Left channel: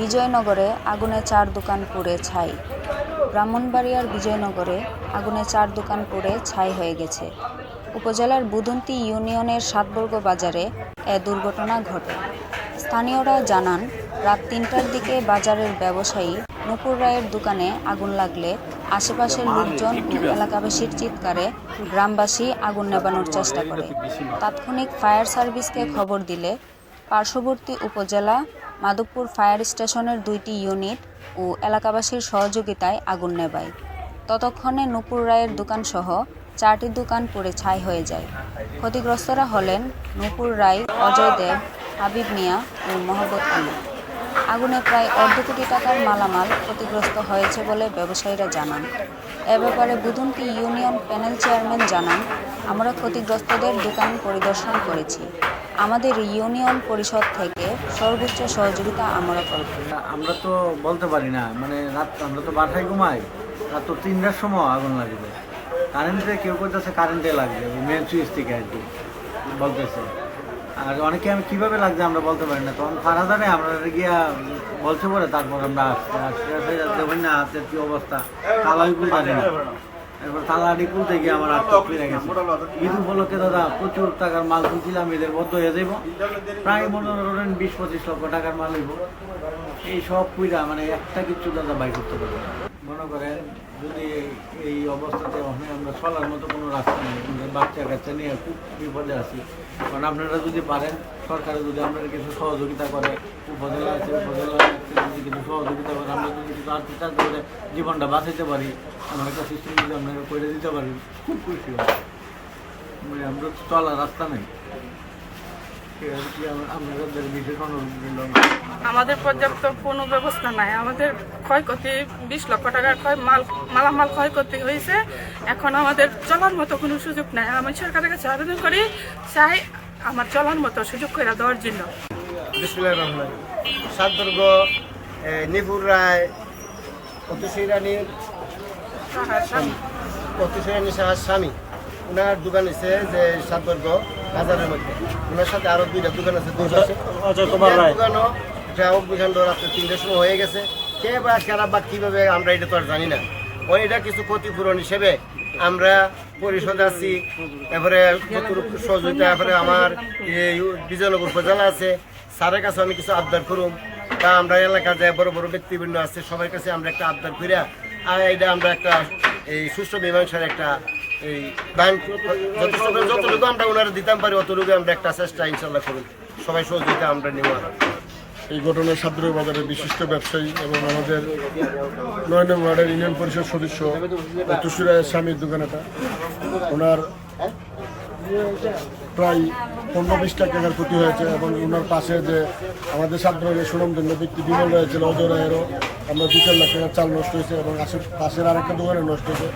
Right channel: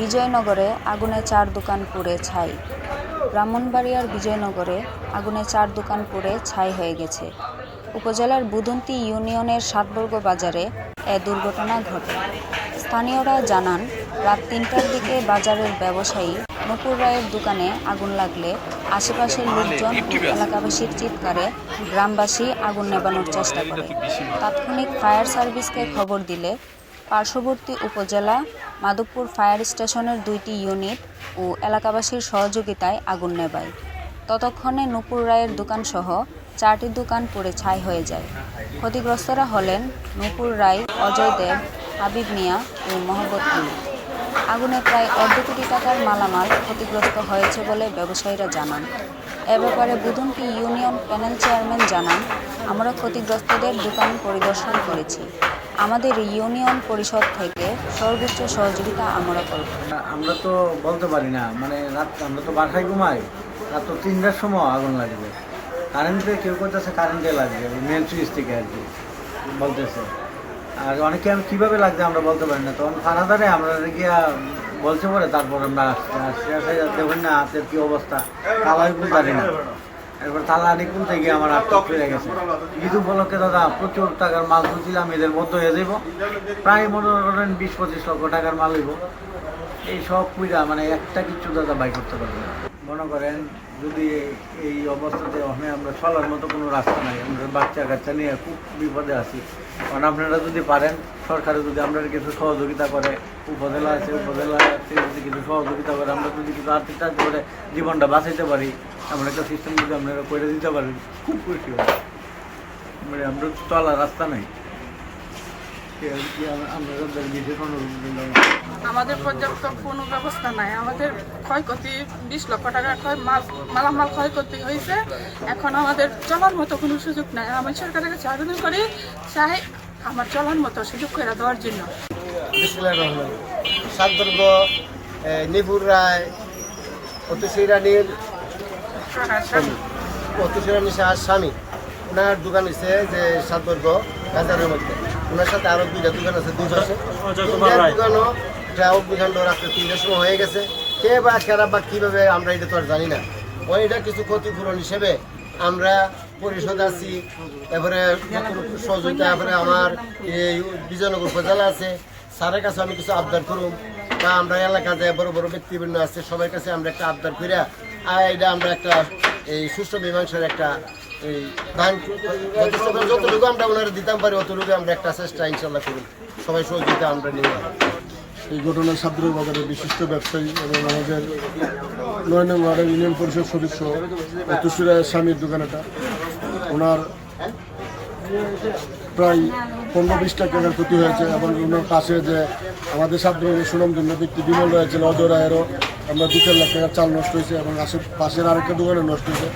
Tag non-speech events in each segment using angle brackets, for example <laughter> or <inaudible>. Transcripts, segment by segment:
বিজয়নগরে আগুনে চার দোকান পুড়ে ছাই। ব্রাহ্মণবাড়িয়ার বিজয়নগরে আগুনে চার দোকান পুড়ে ছাই হয়ে গেছে। উপজেলার বুদন্তি ইউনিয়নের সাতবর্গ বাজারে এ দুর্ঘটনা ঘটে। স্থানীয়রা জানান, রাত তিনটার দিকে বাজারের ব্যবসায়ী নূপুর রায়ের দোকানে আগুন লাগলে আশেপাশের লোকজন ও এলাকাবাসীর চিৎকারে গ্রামবাসী আগুন নেবানোর চেষ্টা করে। তাৎক্ষণিক ফায়ার সার্ভিসকে খবর দিলে পার্শ্ববর্তী উপজেলা মাধবপুর ফায়ার স্টেশনের দুইটি ইউনিট ও এলাকাবাসীর সহযোগিতায় আগুন নেবায় ততক্ষণে নূপুর রায়ের দোকানসহ চারটি দোকান পুড়ে ছাই হয়ে যায়। ক্ষতিগ্রস্তরা হলেন নূপুর রায়, অজয় দেব, হাবিব মিয়া ও মোহাম্মদ আলী। আগুনে প্রায় অর্ধ কোটি টাকার মালামাল ক্ষতিগ্রস্ত হয়েছে বলে ব্যবসায়ীরা জানান। এ ব্যাপারে বুদন্তি ইউনিয়ন প্যানেল চেয়ারম্যান জানান, আমরা ক্ষতিগ্রস্তদের দোকান পরিদর্শন করেছি। আমাদের ইউনিয়ন পরিষদ থেকে সর্বোচ্চ সহযোগিতা আমরা করব। আমরা তো বলতে পারি না। মানে রাত, আমরা তো বাসায় ঘুমাই। রাত তো তিনটার সময় আগুন লাগবে। কারেন্টে কেউ করতেছে, কারেন্টে লাগবে। মেন সুইচ থেকে আর কি বলতেছে। আর অনেকে আমি কীভাবে লাগছে আমরা বলতে পারি না। তখন ফারাদারে আমরা গিয়া বলছে পরে, তারপর আমরা আসছি আসছি আসে দেখুন না হাতের কী অবস্থা। তালাই খুলতারি না। এরপর তালাটি খুলতে গিয়ে আমার আটটা ফিরে গেছে। ঈদ উপলক্ষে দাদা, প্রচুর টাকার মাল তুলছিলাম এদের বদ্ধ হয়ে যাইব। প্রায় মনে করেন বিশ পঁচিশ লক্ষ টাকার মাল হইব। এই সব পুইরা মানে একটা কিচ্ছু দাদা বাই করতে পারবি না। মনে করেন যদি এই- অবস্থাতে আমি আমরা চলার মতো কোনো রাস্তা নাই, আমরা বাচ্চা কাচ্চা নিয়ে খুব বিপদে আছি। কারণ আপনারা যদি পারেন, সরকারে যদি আমরা কিছু সহযোগিতা করে, উপজেলা আছে, উপজেলা যদি কিছু সহযোগিতা করে, আমরা যদি কিছু আর্থিক সাহায্য করে জীবনটা বাঁচাইতে পারি এমন একটা সিস্টেম যদি আপনারা করে দিতে পারেন খুব খুশি হবে। মানে আমরা তলা রাস্তা নাই। আমাদের পর্যাপ্ত কোনো ব্যবস্থা নাই। আমাদের ক্ষয়ক্ষতি বিশ লক্ষ টাকার ক্ষয় মাল মালামাল ক্ষয়ক্ষতি হয়েছে। এখন আমাদের চলার মতো কোনো সুযোগ নাই। আমি সরকারের কাছে আবেদন করি চাই আমার চলার মতো সুযোগ করে দেওয়ার জন্য। সাতদুর্গ নিপুর রায় অতুষী রানীর স্বামী। স্বামী। ওনার দোকান আছে যে বাজারের মধ্যে। ওনার সাথে আরও দুইটা দোকান আছে দুই পাশে দোকানও অগ্নিকাণ্ড রাত্রে তিনটার সময় হয়ে গেছে। কে বা খারাপ বা কীভাবে আমরা এটা তো আর জানি না। ওই এটা কিছু ক্ষতিপূরণ হিসেবে আমরা পরিষদ আছি। এবারে যতটুকু সহযোগিতা এবারে আমার বিজয়নগর উপজেলা আছে। স্যারের কাছে আমি কিছু আবদার করুম। বা আমরা এলাকা যে বড় বড় ব্যক্তিবৃন্দ আছে সবার কাছে আমরা একটা আবদার করিয়া আর এটা আমরা একটা এই সুষ্ঠু মীমাংসার একটা এই দান যথেষ্ট যতটুকু আমরা ওনারা দিতাম পারি, অতটুকু আমরা একটা চেষ্টা ইনশাল্লাহ করুন। সবাই সহযোগিতা আমরা নিব এই ঘটনার সাদ্রক বাজারের বিশিষ্ট ব্যবসায়ী এবং আমাদের নয় নং ওয়ার্ডের ইউনিয়ন পরিষদ সদস্য অতুসুরা স্বামীর দোকানেটা। ওনার প্রায় পনেরো বিশ লাখ টাকার ক্ষতি হয়েছে এবং ওনার পাশে যে আমাদের সাদ্রকের সুনামধন্য ব্যক্তি বিমল রয়েছিল অজয় রায়েরও আমরা দু চার লাখ টাকার চাল নষ্ট হয়েছে এবং আশে পাশের আরেকটা দোকানে নষ্ট হয়েছে।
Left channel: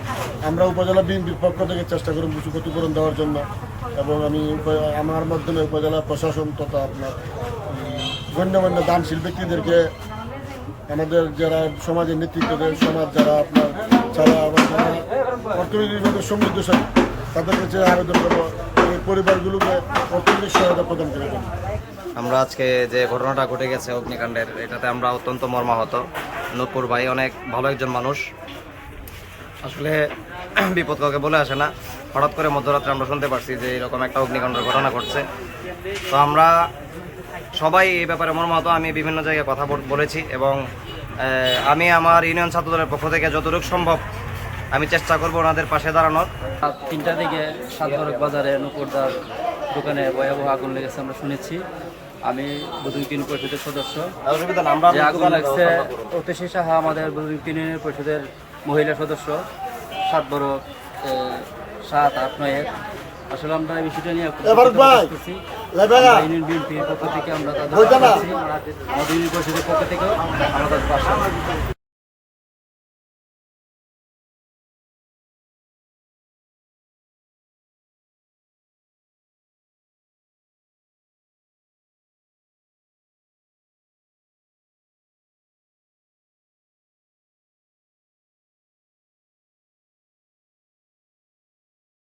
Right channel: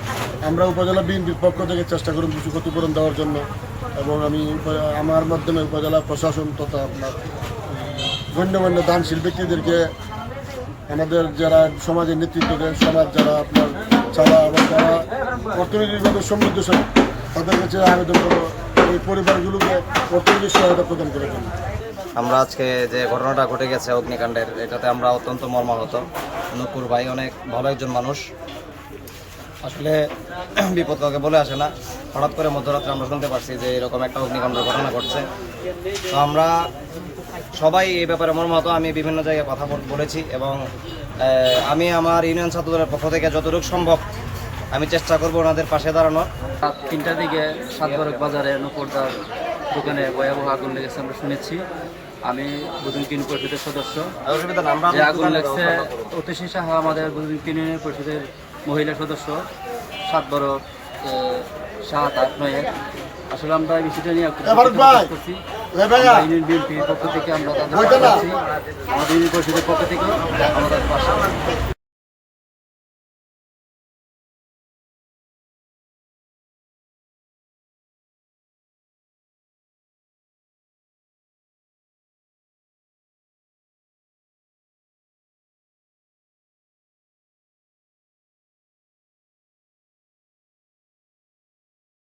আমরা উপজেলা বিএনপির পক্ষ থেকে চেষ্টা করুন কিছু ক্ষতিপূরণ দেওয়ার জন্য এবং আমি আমার মাধ্যমে উপজেলা প্রশাসন তথা আপনার গণ্যমান্য দানশীল ব্যক্তিদেরকে, আমাদের যারা সমাজের নেতৃত্ব দেয়, সমাজ যারা আপনার চালা আবার যারা অর্থনৈতিকভাবে সমৃদ্ধশালী, তাদের কাছে আবেদন করব, এই পরিবারগুলোকে অর্থনৈতিক সহায়তা প্রদান করে দেন। আমরা আজকে যে ঘটনাটা ঘটে গেছে অগ্নিকাণ্ডের, এটাতে আমরা অত্যন্ত মর্মাহত। নূপুর ভাই অনেক ভালো একজন মানুষ। আসলে <clears throat> বিপদ কাউকে বলে আসে না। হঠাৎ করে মধ্যরাত্রে আমরা শুনতে পারছি যে এরকম একটা অগ্নিকাণ্ডের ঘটনা ঘটছে। তো আমরা সবাই এই ব্যাপারে মর্মাহত। আমি বিভিন্ন জায়গায় কথা বল- বলেছি এবং আমি আমার ইউনিয়ন ছাত্রদলের পক্ষ থেকে যতটুকু সম্ভব আমি চেষ্টা করব ওনাদের পাশে দাঁড়ানোর। রাত তিনটার দিকে সাতবরক বাজারে নুপুরদার দোকানে ভয়াবহ আগুন লেগেছে আমরা শুনেছি। আমি বুধুন তিন পরিষদের সদস্য। যে আগুন লাগছে অতিশী সাহা আমাদের বুধুন তিন ইউনিয়ন পরিষদের মহিলা সদস্য সাত বড় সাত আট নয়ের আসলে আমরা এই বিষয়টা নিয়ে করছি। ইউনিয়ন বিএনপির পক্ষ থেকে আমরা তাদের আমাদের ইউনিয়ন পরিষদের পক্ষ থেকেও আমরা তাদের পাশে